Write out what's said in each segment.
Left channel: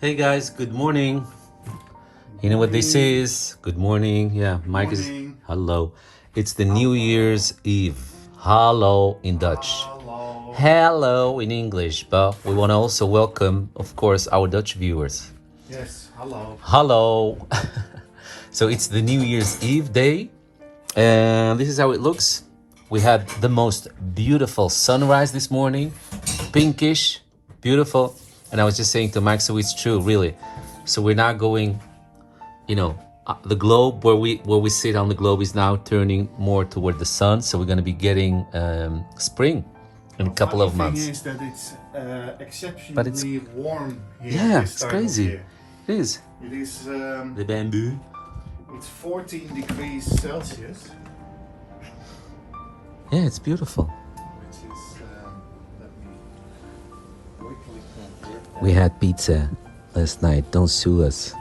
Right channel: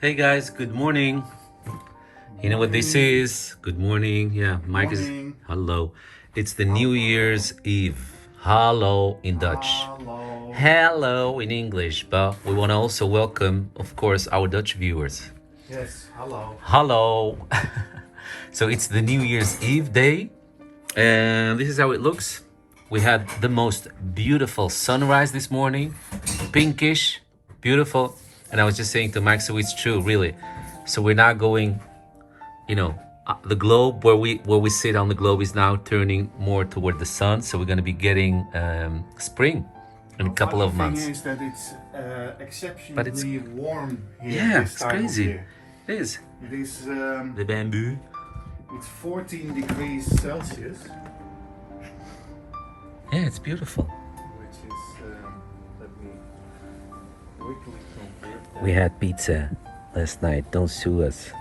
Hey guys, good morning. You know what this is? Good morning. Yeah, Mike is. Morning. Hello. It's the New Year's Eve. Hallo in Dutch. Hello. Hello in English, but we want to also welcome, of course, our Dutch viewers. Yes, hello. Hello. So it's the New Year's Eve day, and this is how it looks. We had the most beautiful sunrise this morning, pinkish, beautiful. And I was just saying to Mike, so it's true, really. So we're not going, the globe where we sit on the globe is now turning more toward the sun. So we're going to be getting spring in a couple of months. The thing is that it's But it's exceptionally warm here yeah, this it's time crazy. of year. It is It is the bamboo. it's 14 degrees Celsius, Yeah, it's beautiful. which is let me quickly compare. We had pizza last night. Don't sue us.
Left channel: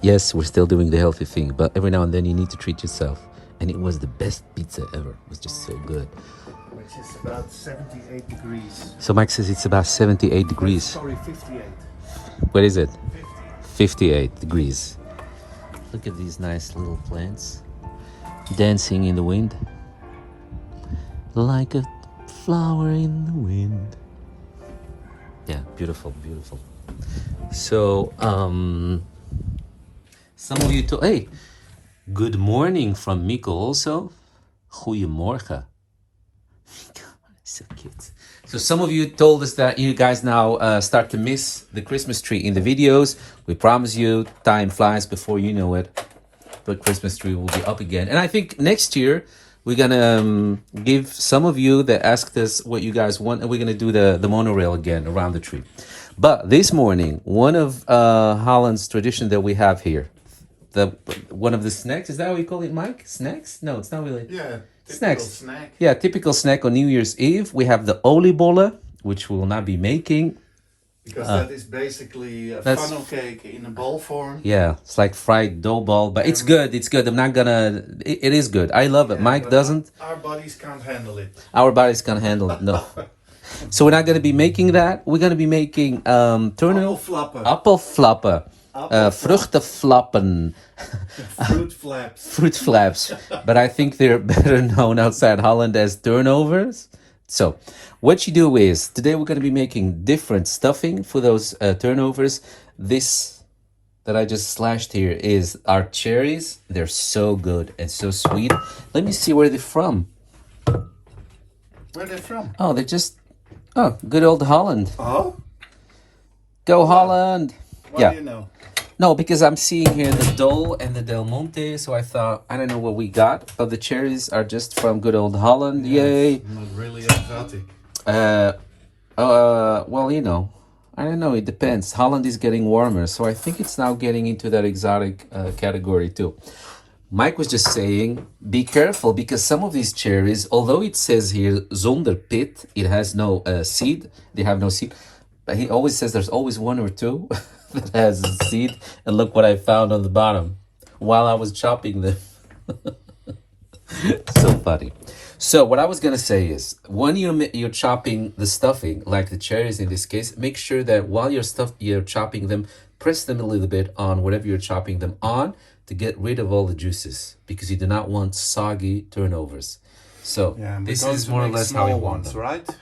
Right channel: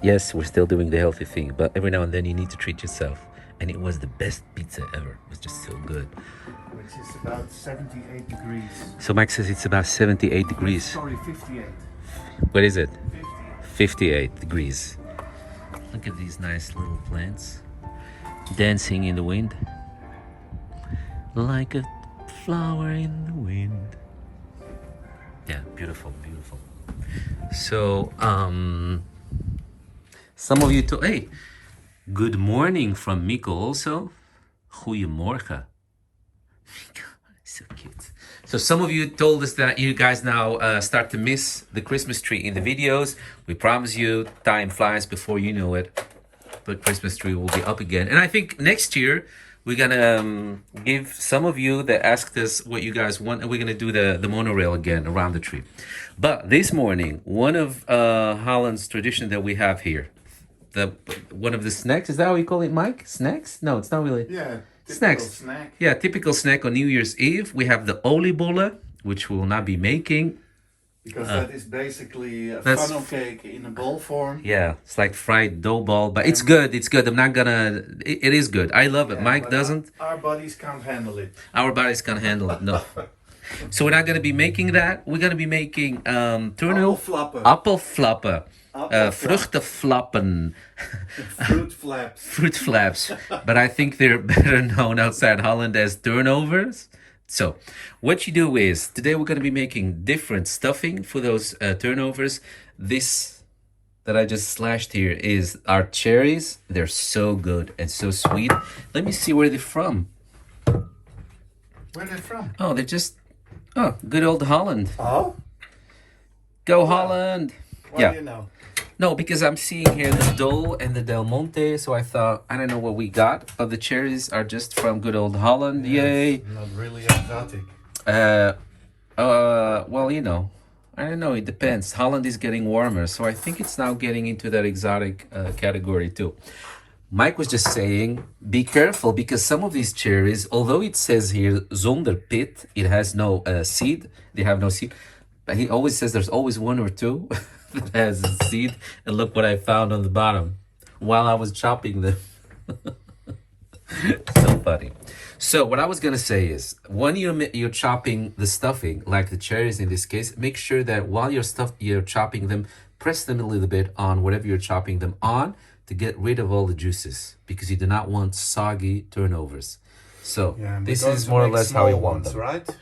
Yes, we're still doing the healthy thing, but every now and then you need to treat yourself. And it was the best pizza ever. It was just so good. Which is about 78 degrees. So Mike says it's about 78 degrees. Sorry, 58. What is it? 50. 58 degrees. Look at these nice little plants dancing in the wind. Like a flower in the wind. Yeah, beautiful, beautiful. So, some of you hey, good morning from Miko also. Goedemorgen. So cute. So some of you told us that you guys now start to miss the Christmas tree in the videos. We promise you, time flies before you know it. The Christmas tree will be up again. And I think next year we're gonna give some of you that asked us what you guys want, and we're gonna do the monorail again around the tree. But this morning, one of Holland's tradition that we have here, the one of the snacks, is that how you call it, Mike? Snacks? No, it's not really. Yeah, typical Snacks. snack. Yeah, typical snack on New Year's Eve. We have the oliebollen, which we will not be making. Because that is basically a that's- funnel cake in a ball form. Yeah, it's like fried dough ball, but it's good. It's good. I'm not gonna. It is good. I love it. Yeah, Mike but doesn't. Our bodies can't handle it. Our bodies can't handle it. No. So we're not gonna be making that. We're gonna be making turnip, Appelflappen. appelflappen, Appelflappen. vruchtenflappen, Fruit flaps. fruit flaps, but I think they're better known outside Holland as turnovers. So, what you do is today we're going to be making different stuffing for those turnovers. This that I just slashed here is our cherries. They're so good and so sweet. Let me see where they're from. Where are they from? Oh, they're just good old Holland. Oh? Go Holland! What Yeah. do you know? No, because I'm seeing here the Dole and the Del Monte, so I thought, I don't know what we got, but the cherries are just from good old Holland. Yay! It's not really exotic. Well, I don't know, it depends. Holland is getting warmer, so I think it's now getting into that exotic category too. Mike was just saying, be careful, because some of these cherries, although it says here zonder pit, it has no seed, they have no seed, but he always says there's always one or two that has a seed, and look what I found on the bottom while I was chopping them. So funny. So what I was gonna say is, when you're chopping the stuffing, like the cherries in this case, make sure that while you're chopping them, press them a little bit on whatever you're chopping them on to get rid of all the juices, because you do not want soggy turnovers. So Yeah, and this we're going is to more or make less how you small want ones, them. right?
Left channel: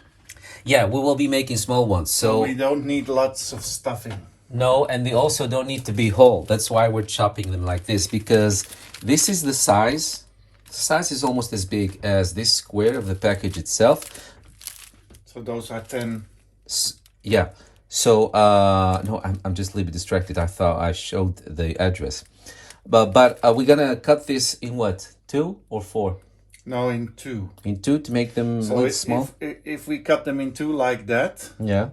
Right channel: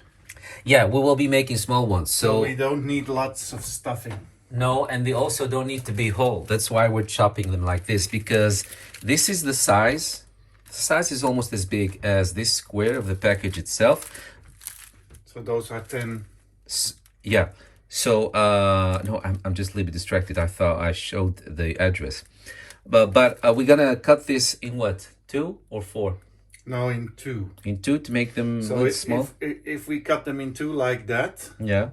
Yeah, we will be making small ones. So So we don't need lots of stuffing. no, and they also don't need to be whole. That's why we're chopping them like this, because this is the size. The size is almost as big as this square of the package itself. So those are 10. Yeah. So no, I'm just a little bit distracted. I thought I showed the address, but we're gonna cut this in what, 2 or 4? No, in 2. In 2 to make them So look small. if we cut them in 2 like that, Yeah.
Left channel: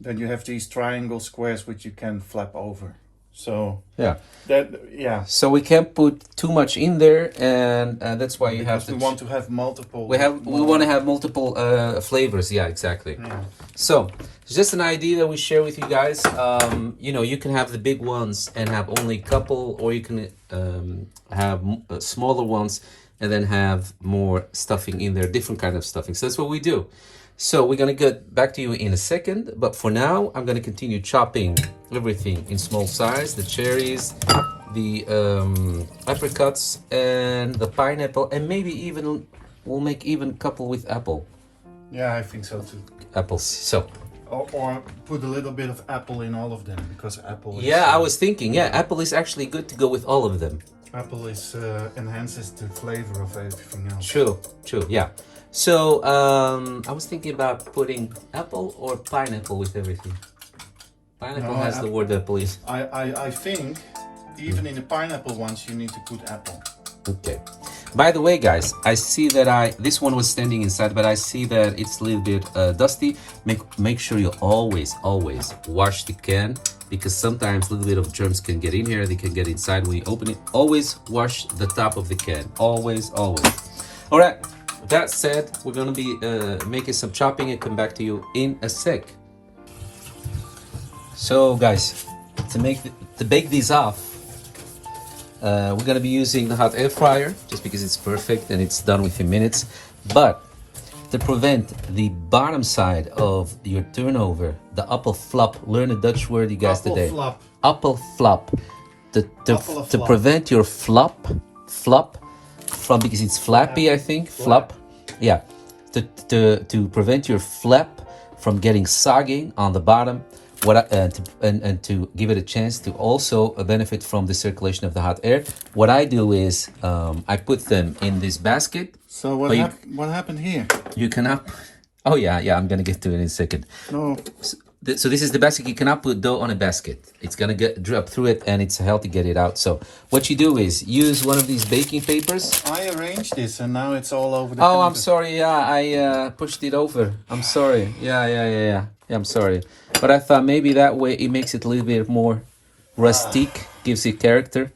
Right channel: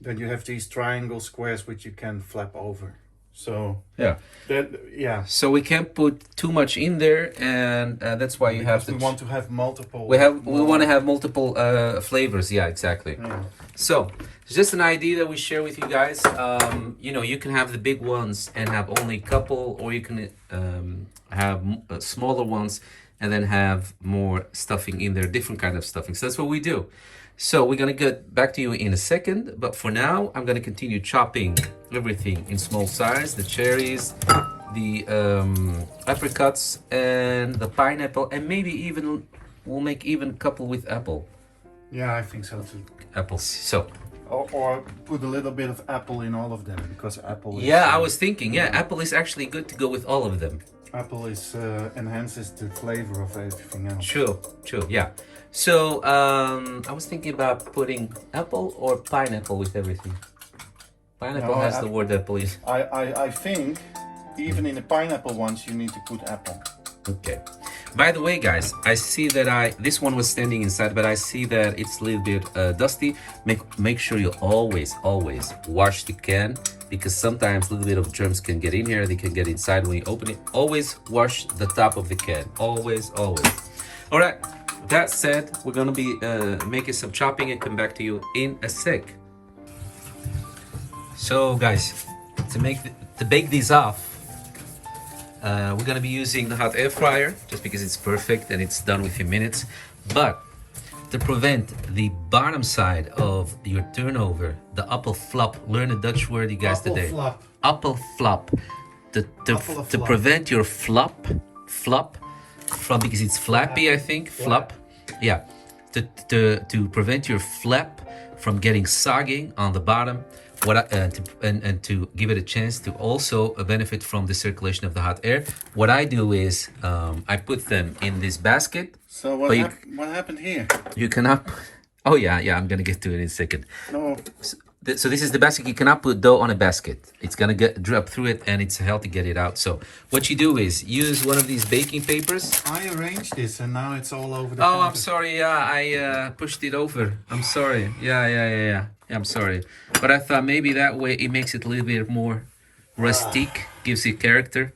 then you have these triangle squares which you can flap over. So Yeah. yeah. So we can't put too much in there, and that's why you have Because to. we want to have multiple. We want to have multiple flavors. Yeah, exactly. Yeah. So it's just an idea that we share with you guys. You can have the big ones and have only a couple, or you can have smaller ones and then have more stuffing in there, different kind of stuffing. So that's what we do. So we're gonna get back to you in a second, but for now, I'm gonna continue chopping everything in small size, the cherries, the apricots, and the pineapple, and maybe even, we'll make even a couple with apple. Yeah, I think so too. Apples, so. Or put a little bit of apple in all of them, because apple is... Yeah, I was thinking, yeah, apple is actually good to go with all of them. Apple is enhances the flavor of everything else. True, true, yeah. So, I was thinking about putting apple or pineapple with everything. Pineapple No, has the word apple in. I think even in the pineapple ones you need to put apple. Okay. By the way, guys, I see that this one was standing inside, but I see that it's a little bit dusty. Make sure you always wash the can, because sometimes a little bit of germs can get in here. They can get inside when you open it. Always wash the top of the can. Always. All right. That said, we're gonna be making some chopping and come back to you in a sec. So, guys, to bake these off, we're gonna be using the hot air fryer just because it's perfect and it's done within minutes. But to prevent the bottom side of your turnover, the appelflap, learn a Dutch word, you guys, today. Appelflap. To prevent your flop from, because it's flappy, I think. Flap. Yeah. To prevent your flap from getting soggy on the bottom. And to give it a chance to also benefit from the circulation of the hot air, what I do is I put them in this basket. So what happened here? You cannot. Oh yeah, I'm gonna get to it in a second. No. So this is the basket. You cannot put dough on a basket. It's gonna drop through it, and it's hell to get it out. So what you do is use one of these baking papers. I arranged this, and now it's all over the. Oh, I'm sorry. Yeah, I pushed it over. I'm sorry. Yeah. I'm sorry, but I thought maybe that way it makes it a little bit more rustique, gives it character,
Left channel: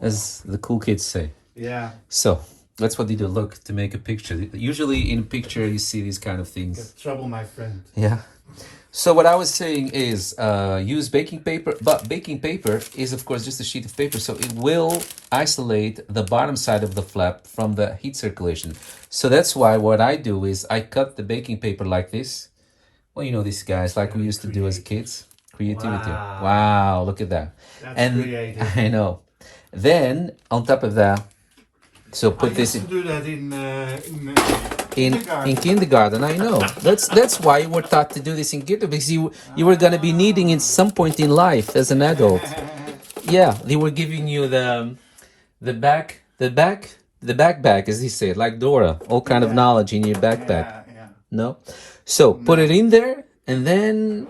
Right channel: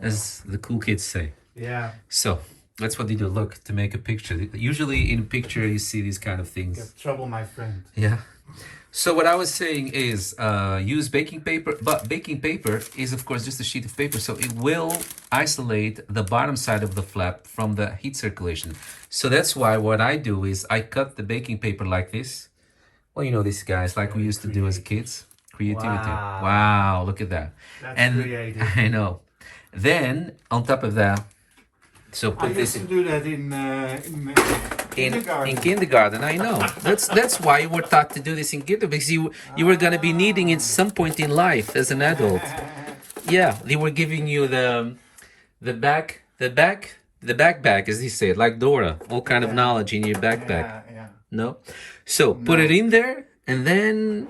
as the cool kids say. Yeah. So that's what they do. Look, to make a picture. Usually in a picture you see these kind of things. Get trouble, my friend. Yeah. So what I was saying is use baking paper, but baking paper is of course just a sheet of paper, so it will isolate the bottom side of the flap from the heat circulation. So that's why what I do is I cut the baking paper like this. Well, you know these guys, like we used to do as kids. Creativity. Wow, look at that. That's creative. I know. Then on top of that, so put this in. I used to do that In kindergarten, I know. That's why you were taught to do this in kindergarten, because you were gonna be needing it some point in life as an adult. Yeah, they were giving you the backpack, as they say, like Dora, all kind of knowledge in your backpack. Yeah. No, so put it in there, and then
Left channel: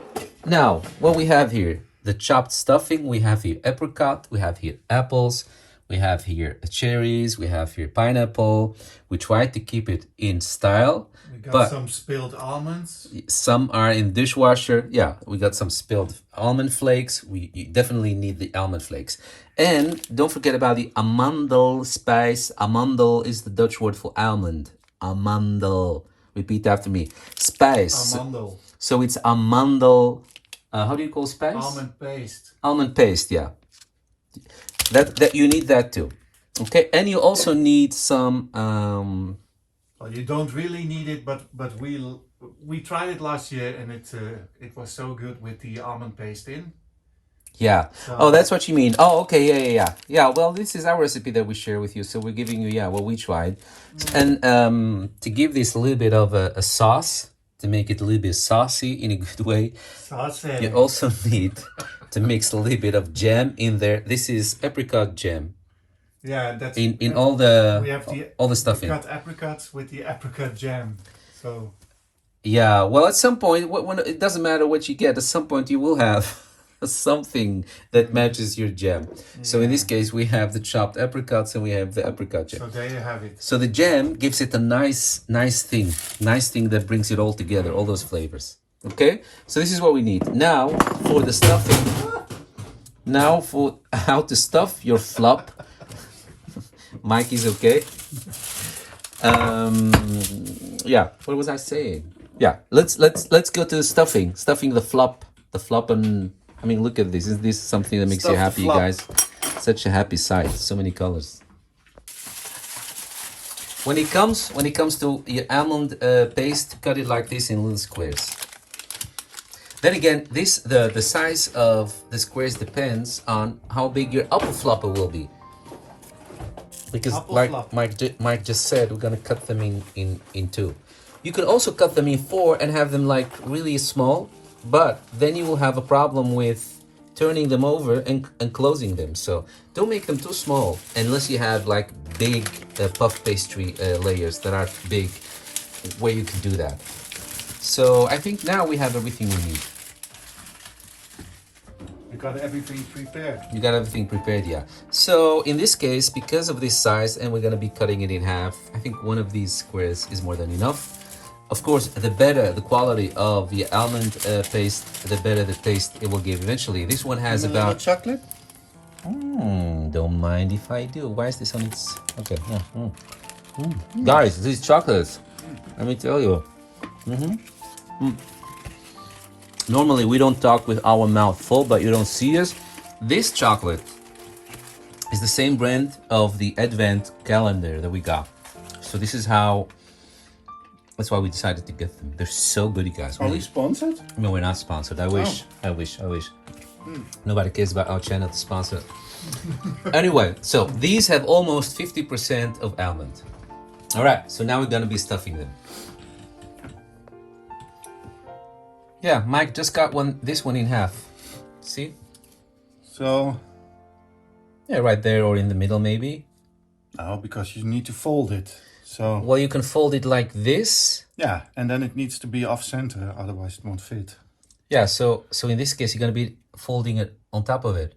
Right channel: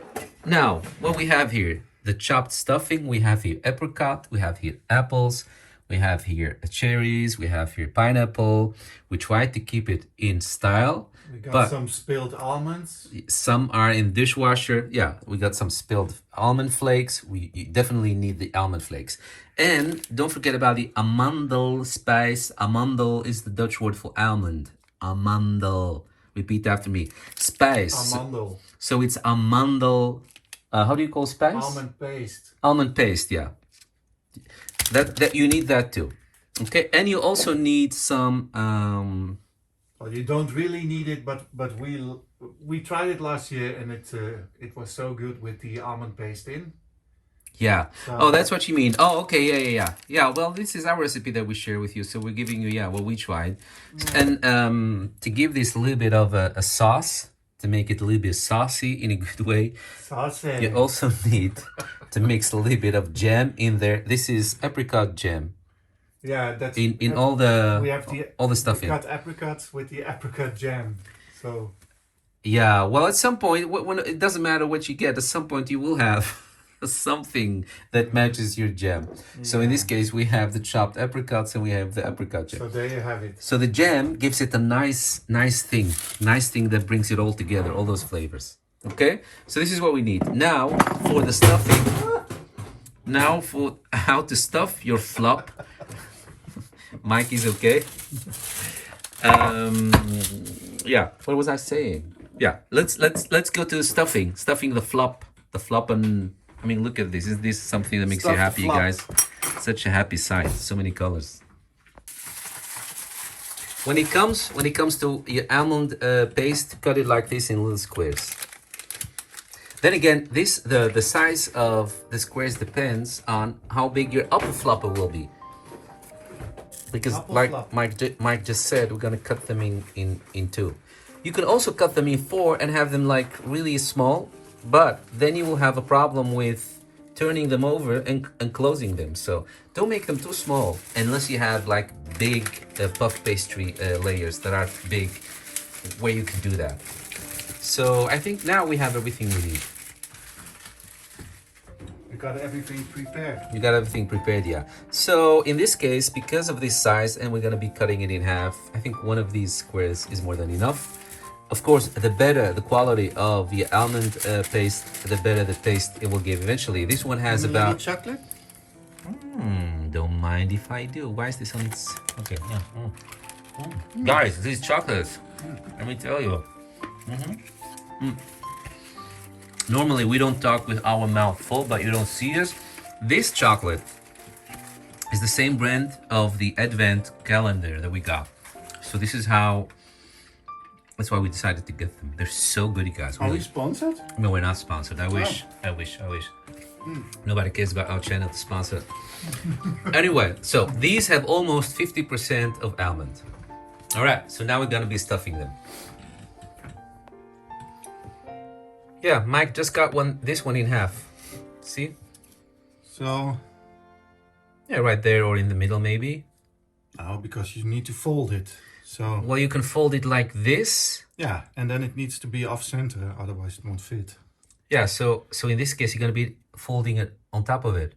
now what we have here, the chopped stuffing. We have here apricot, we have here apples. We have here cherries, we have here pineapple. We try to keep it in style. We got but some spilled almonds. some are in dishwasher. Yeah, we got some spilled almond flakes. You definitely need the almond flakes. And don't forget about the amandel spice. Amandel is the Dutch word for almond. Amandel. Repeat after me. Spice. Amandel. So it's amandel. How do you call spice? Almond paste. Almond paste, yeah. That you need that too. Okay, and you also need some Well, you don't really need it, but we tried it last year, and it was so good with the almond paste in. yeah. Oh, that's what you mean. Oh, okay, yeah. Yeah, well, this is our recipe that we share with you, so we're giving you what we tried. And to give this a little bit of a sauce, to make it a little bit saucy in a good way, Saucy. you also need to mix a little bit of jam in there. This is apricot jam. Yeah, that's In all the we have all the stuff in. cut apricots with the apricot jam. So Yeah, well, at some point, when it doesn't matter what you get, at some point you will have something that matches your jam. So in this case, we have the chopped apricots and we have the apricot jam. so there you have it. So the jam gives it a nice thing that brings it all together, all those flavors. Okay, so this is what we need now for the stuffing. Now for how to stuff your flop. Mike is okay. Yeah, what was I saying? Yeah, let's go to the stuffing the flop, and I mean, look at this. Is this something that makes you Stuff the happy, you flop. guys? Such a happy sight, so many colors. when it comes to your almond paste, cut it like this in little squares. Then again, the size of the squares depends on how big your apple flopper will be. Because Apple like flop. Mike just said, we're gonna cut them in two. You can also cut them in four and have them like really small, but then you will have a problem with turning them over and closing them. So don't make them too small unless you have like big puff pastry layers that are big where you can do that. So I think now we have everything we need. We got everything prepared. You got everything prepared, yeah. So in this case, because of this size, and we're gonna be cutting it in half, I think one of these squares is more than enough. Of course, the better the quality of the almond paste, the better the taste it will give eventually. This one has Vanilla about... chocolate. Don't mind if I do. Why is this on its... Okay, yeah. Guys, these chocolates, let me tell you. Normally, we don't talk with our mouth full, but you don't see us. This chocolate is the same brand of the Advent calendar that we got. So this is how... That's why we decided to get them. They're so good, you guys. Are we sponsored? No, we're not sponsored. I wish. I wish. Nobody cares about our channel to sponsor. Anyway, so these have almost 50% of almond. All right, so now we're gonna be stuffing them. Yeah, Mike just got this one in half. See? So, Yeah, right there or in the middle maybe. no, because you need to fold it. So, Well, you can fold it like this. yeah, and then it needs to be off center, otherwise it won't fit. Yeah, so in this case, you're gonna be folding it on top of it.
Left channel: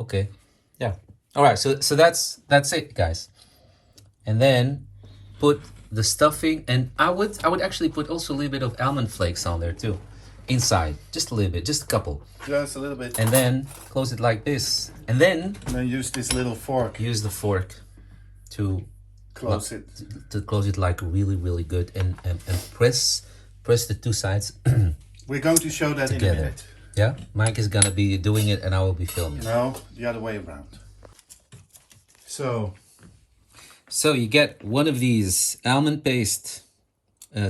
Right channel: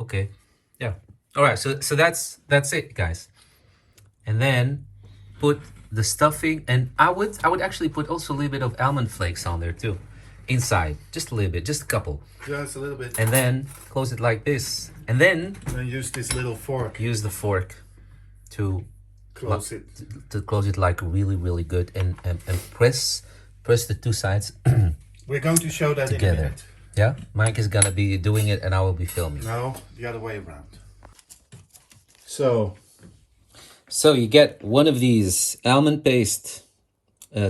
Okay, yeah. All right, so that's it, guys. And then put the stuffing, and I would actually put also a little bit of almond flakes on there too, inside, just a little bit, just a couple, Just a little bit. and then close it like this, and then And then use this little fork. use the fork to Close it. close it like really good, and press the two sides. We're going to show that Together. in a minute. Yeah, Mike is gonna be doing it, and I will be filming. No, the other way around. So, So you get one of these almond paste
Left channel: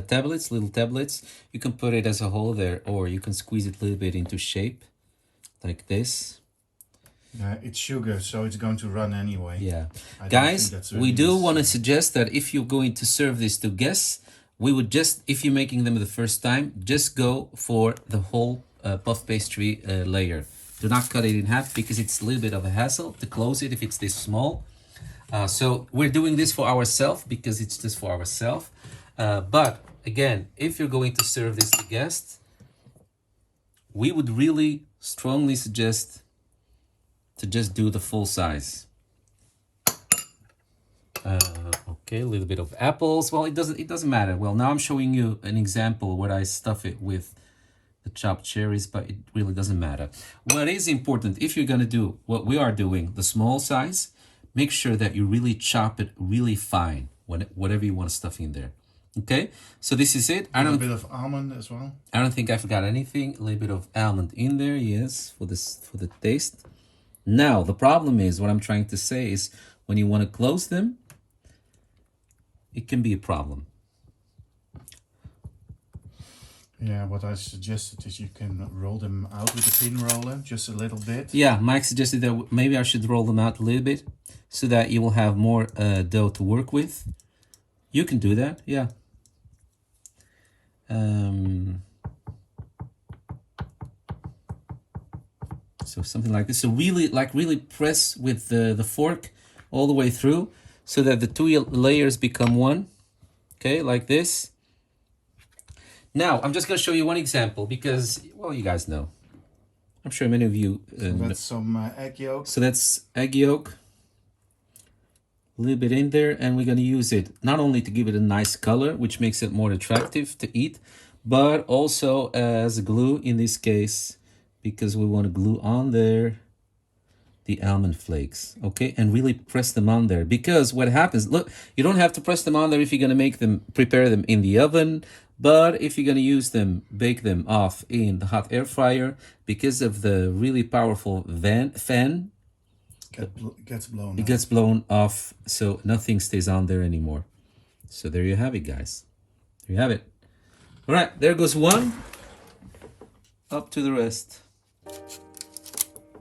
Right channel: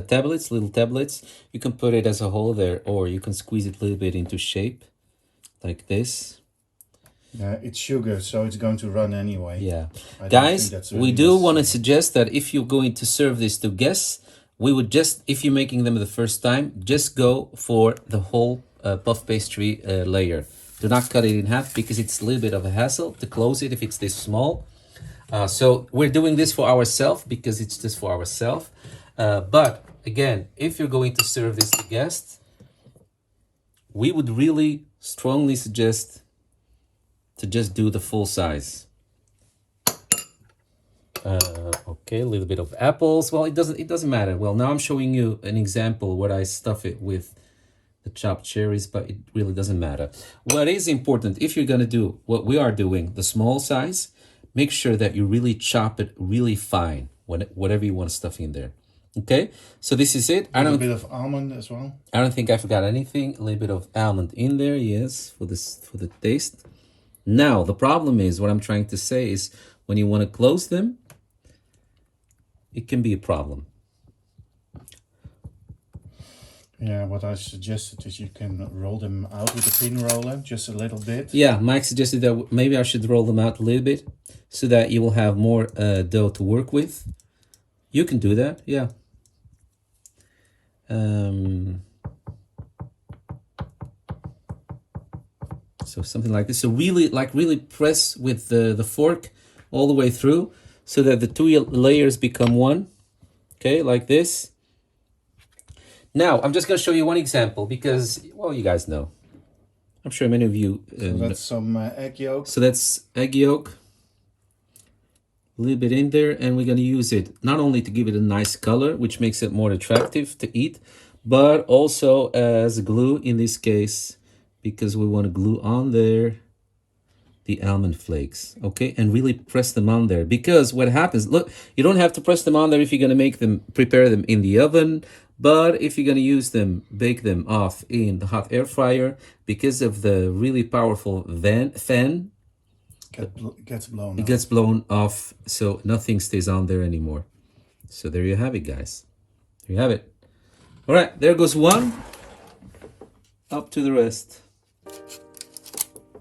tablets, little tablets. You can put it as a whole there, or you can squeeze it a little bit into shape, like this. it's sugar, so it's going to run anyway. Yeah. I don't Guys, think that's we really do necessary. want to suggest that if you're going to serve this to guests, we would just, if you're making them the first time, just go for the whole puff pastry layer. Do not cut it in half because it's a little bit of a hassle to close it if it's this small. So we're doing this for ourselves because it's just for ourselves. But again, if you're going to serve this to guests, we would really strongly suggest to just do the full size. Okay, a little bit of apples. Well, it doesn't matter. Well, now I'm showing you an example where I stuff it with the chopped cherries, but it really doesn't matter. What is important, if you're gonna do what we are doing, the small size, make sure that you really chop it really fine, whatever you want to stuff in there. Okay, so this is it. A little bit of almond as well. I don't think I forgot anything. A little bit of almond in there, yes, for the taste. Now, the problem is, what I'm trying to say is, when you want to close them, it can be a problem. Yeah, what I suggested is you can roll them out with a pin roller, just a little bit. Yeah, Mike suggested that maybe I should roll them out a little bit so that you will have more dough to work with. You can do that, yeah. So something like this. So really press with the fork all the way through so that the two layers become one. Okay, like this. Now, I'm just going to show you one example because, well, you guys know. I'm sure many of you That's some egg yolk. So that's egg yolk. A little bit in there, and we're going to use it not only to give it a nice color, which makes it more attractive to eat, but also as glue in this case, because we want to glue on there the almond flakes, okay? And really press them on there, because what happens, look, you don't have to press them on there if you're going to prepare them in the oven, but if you're going to use them, bake them off in the hot air fryer, because of the really powerful fan, Gets blown it off. gets blown off, so nothing stays on there anymore. So there you have it, guys. There you have it. All right, there goes one. Up to the rest.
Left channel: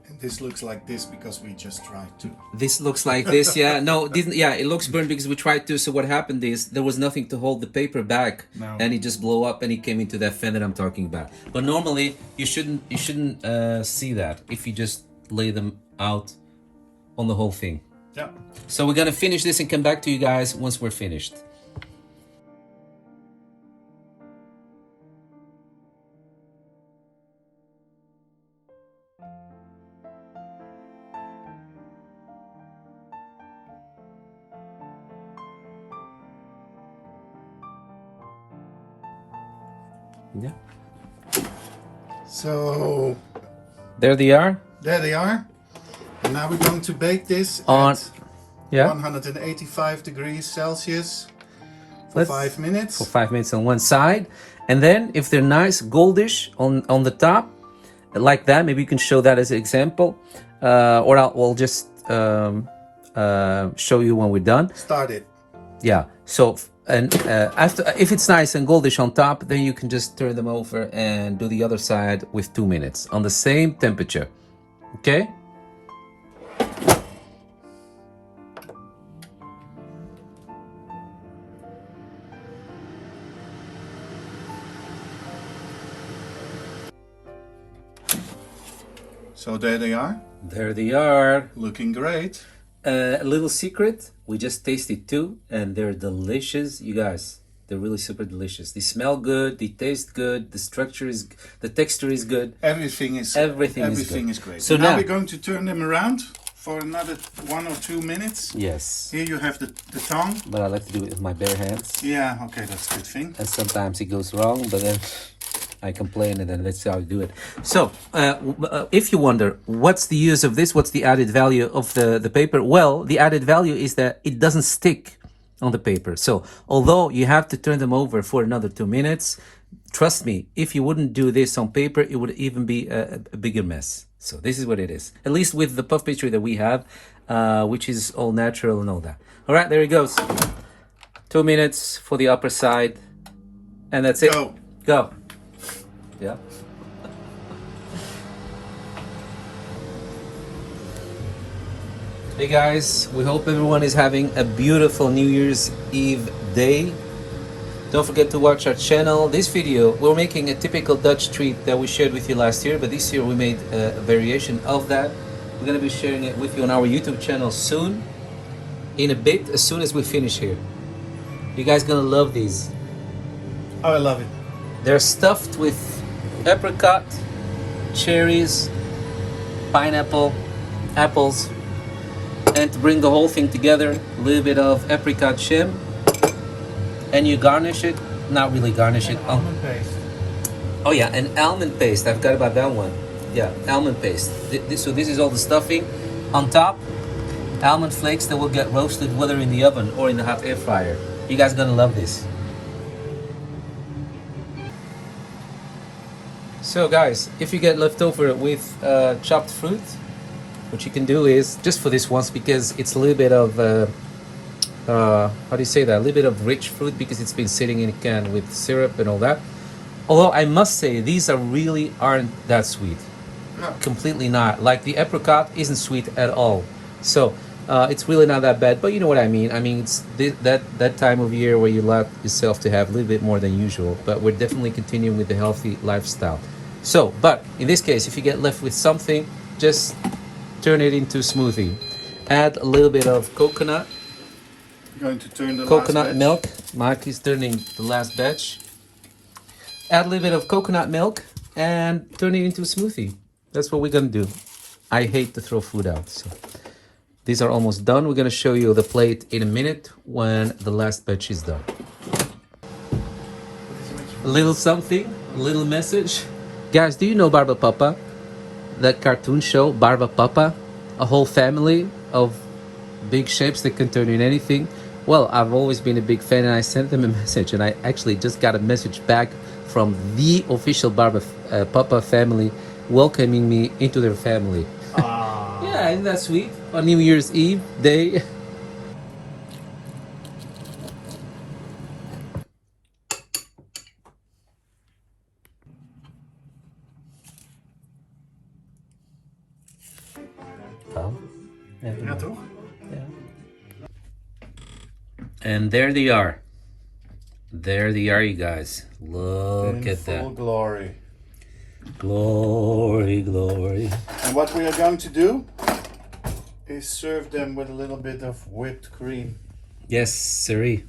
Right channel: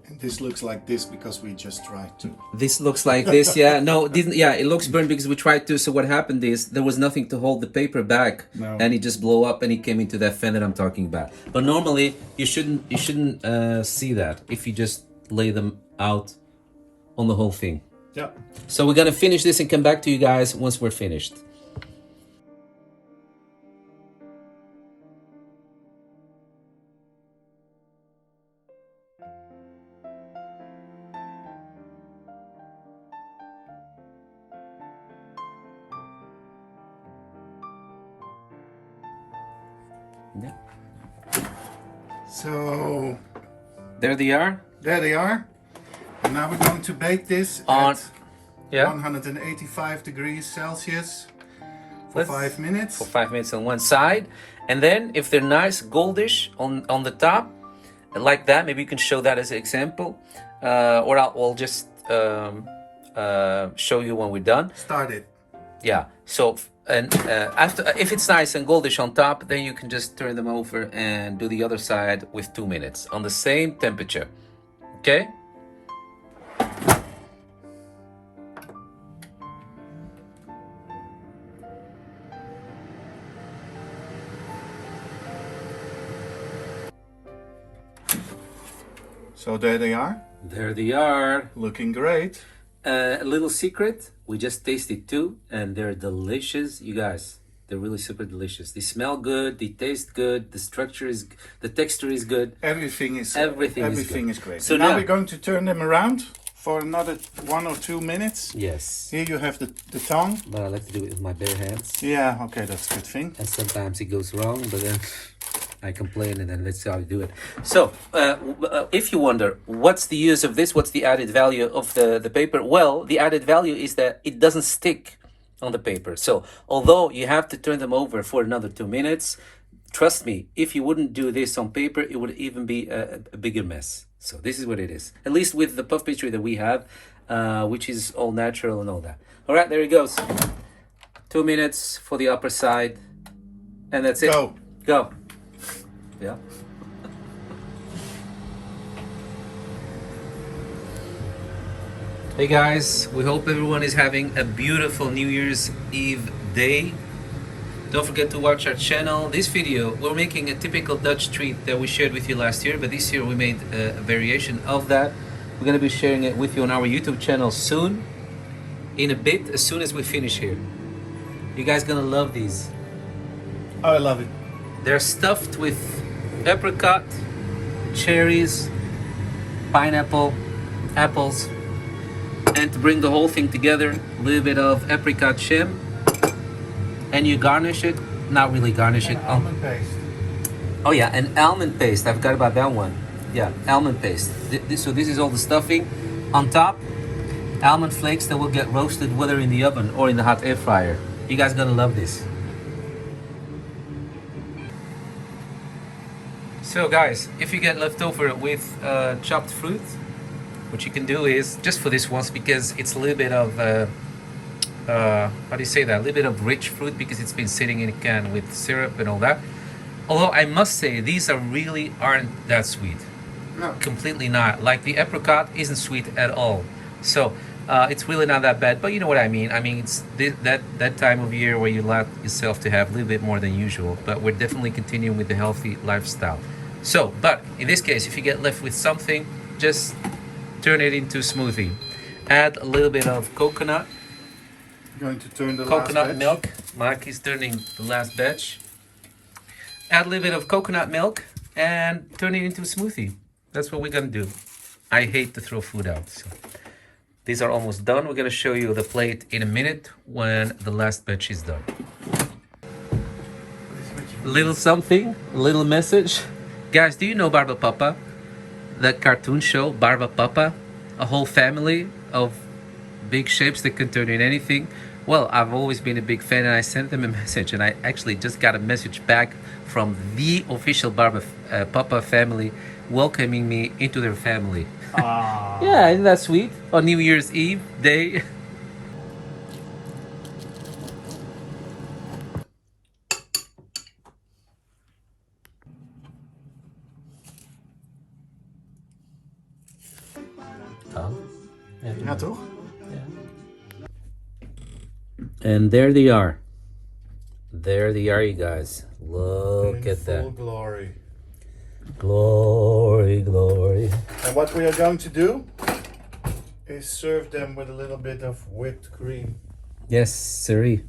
And this looks like this because we just tried to. This looks like this, yeah. No, didn't. Yeah, it looks burnt because we tried to. So what happened is there was nothing to hold the paper back, No. and it just blew up and it came into that fan that I'm talking about. But normally you shouldn't see that if you just lay them out on the whole thing. Yeah. So we're gonna finish this and come back to you guys once we're finished. Yeah. So There they are. there they are. And now we're going to bake this On- at Yeah. 185 degrees Celsius for Let's- 5 minutes. For 5 minutes on one side, and then if they're nice goldish on the top, like that, maybe you can show that as an example, or we'll just show you when we're done. Start it. Yeah. So and after, if it's nice and goldish on top, then you can just turn them over and do the other side with 2 minutes on the same temperature. Okay. So there they are, There they are. looking great. A little secret, we just tasted two and they're delicious, you guys. They're really super delicious. They smell good, they taste good, the texture is good. Everything is Everything is good. great. So now now- we're going to turn them around for another 1 or 2 minutes. Yes, Here you have the tongue. but I like to do it with my bare hands. Yeah, okay, that's a good thing. And sometimes it goes wrong, but then I complain and then that's how I do it. So, if you wonder, what's the use of this? What's the added value of the paper? Well, the added value is that it doesn't stick on the paper. So, although you have to turn them over for another 2 minutes, trust me, if you wouldn't do this on paper, it would even be a bigger mess. So this is what it is. At least with the puff pastry that we have, which is all natural and all that. All right, there it goes. 2 minutes for the upper side. And that's it. Go. Go. Yeah. Hey guys, we hope everyone is having a beautiful New Year's Eve day. Don't forget to watch our channel. This video, we're making a typical Dutch treat that we shared with you last year, but this year we made a variation of that. We're gonna be sharing it with you on our YouTube channel soon, in a bit, as soon as we finish here. You guys gonna love these. Oh, I love it. They're stuffed with apricot, cherries, pineapple, apples, and to bring the whole thing together, a little bit of apricot shim, and you garnish it, not really garnish it. Almond paste. Oh yeah, and almond paste, I forgot about that one. Yeah, almond paste. So this is all the stuffing. On top, almond flakes that will get roasted whether in the oven or in the hot air fryer. You guys gonna love this. So guys, if you get leftover with chopped fruit, what you can do is, just for this once, because it's a little bit of, how do you say that? A little bit of rich fruit because it's been sitting in a can with syrup and all that. Although I must say, these aren't that sweet. No. Completely not. Like the apricot isn't sweet at all. So it's really not that bad. But you know what I mean. I mean, it's that time of year where you allow yourself to have a little bit more than usual. But we're definitely continuing with the healthy lifestyle. So, but in this case, if you get left with something, just turn it into smoothie. Add a little bit of coconut. I'm going to turn the Coconut last batch. milk. Mark is turning the last batch. Add a little bit of coconut milk and turn it into a smoothie. That's what we're gonna do. I hate to throw food out. So these are almost done. We're gonna show you the plate in a minute when the last batch is done. A little something, a little message. Guys, do you know Barba Papa? That cartoon show, Barba Papa? A whole family of big shapes that can turn in anything. Well, I've always been a big fan and I sent them a message and I actually just got a message back from the official Barba Papa family welcoming me into their family. Yeah, isn't that sweet? On New Year's Eve day. Oh. Ja, toch? And there they are. There they are, you guys. Look at full that. glory. Glory, glory. And what we are going to do is serve them with a little bit of whipped cream. Yes, sirree.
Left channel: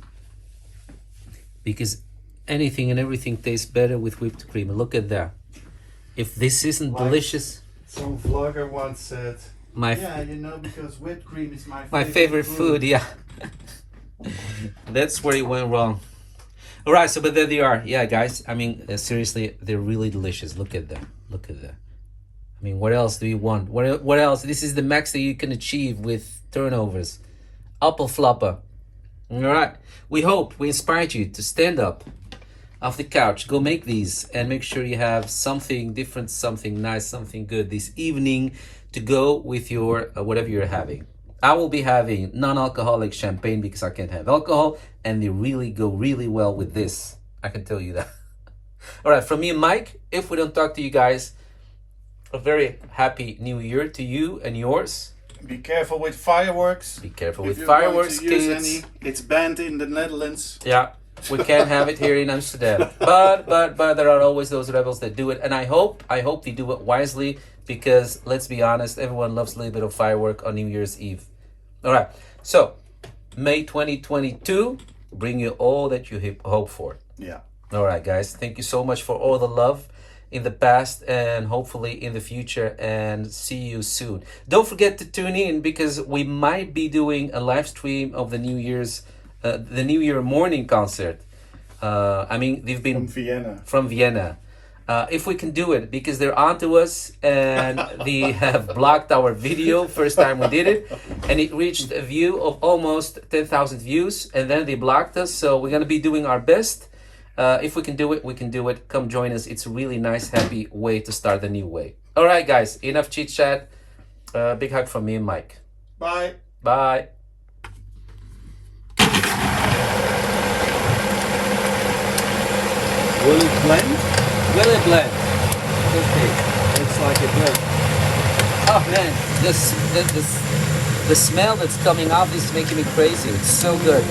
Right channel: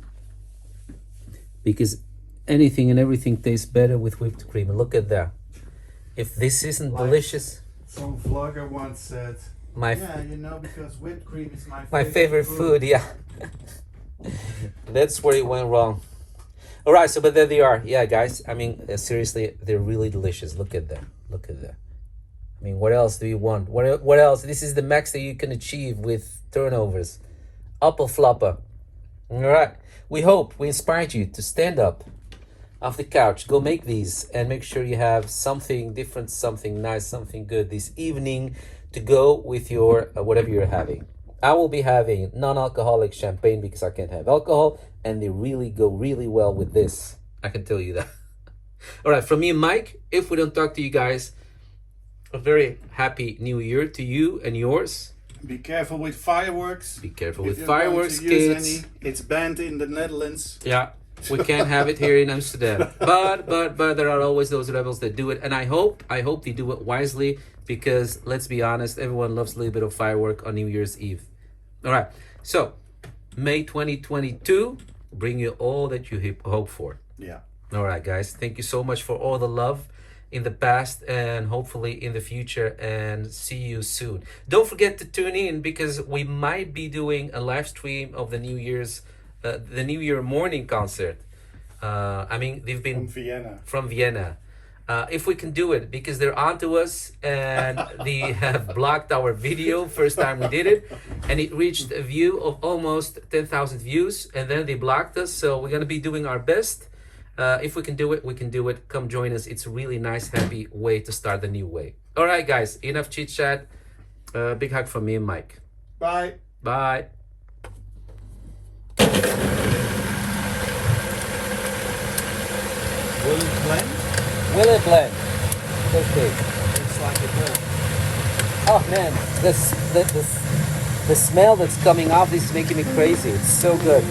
Because anything and everything tastes better with whipped cream. Look at that. If this isn't Like- delicious, Some vlogger once said, my yeah, you know, because whipped cream is my favorite food, yeah. That's where it went wrong. All right, so but there they are. Yeah, guys. I mean, seriously, they're really delicious. Look at that. Look at that. I mean, what else do you want? What else? This is the max that you can achieve with turnovers. Apple flopper. All right. We hope we inspired you to stand up off the couch, go make these, and make sure you have something different, something nice, something good this evening to go with your whatever you're having. I will be having non-alcoholic champagne because I can't have alcohol, and they really go really well with this. I can tell you that. All right, from me and Mike, if we don't talk to you guys, a very happy new year to you and yours. Be careful with fireworks. Be careful If with you're going fireworks, to use kids. any, it's banned in the Netherlands. Yeah, we can't have it here in Amsterdam. But there are always those rebels that do it, and I hope they do it wisely, because let's be honest, everyone loves a little bit of firework on New Year's Eve. All right, so May 2022, bring you all that you hope for. Yeah. All right, guys, thank you so much for all the love in the past and hopefully in the future, and see you soon. Don't forget to tune in, because we might be doing a live stream of the New Year morning concert. I mean, they've been from Vienna. If we can do it, because they're onto us and they have blocked our video first time we did it, and it reached a view of almost 10,000 views, and then they blocked us. So we're gonna be doing our best. If we can do it, we can do it. Come join us. It's a really nice, happy way to start the new way. All right, guys, enough chit chat. Big hug from me and Mike. Bye. Bye. Will it blend? Will it blend? Okay. It's like a blend. Oh man, the smell that's coming off is making me crazy. It's so good.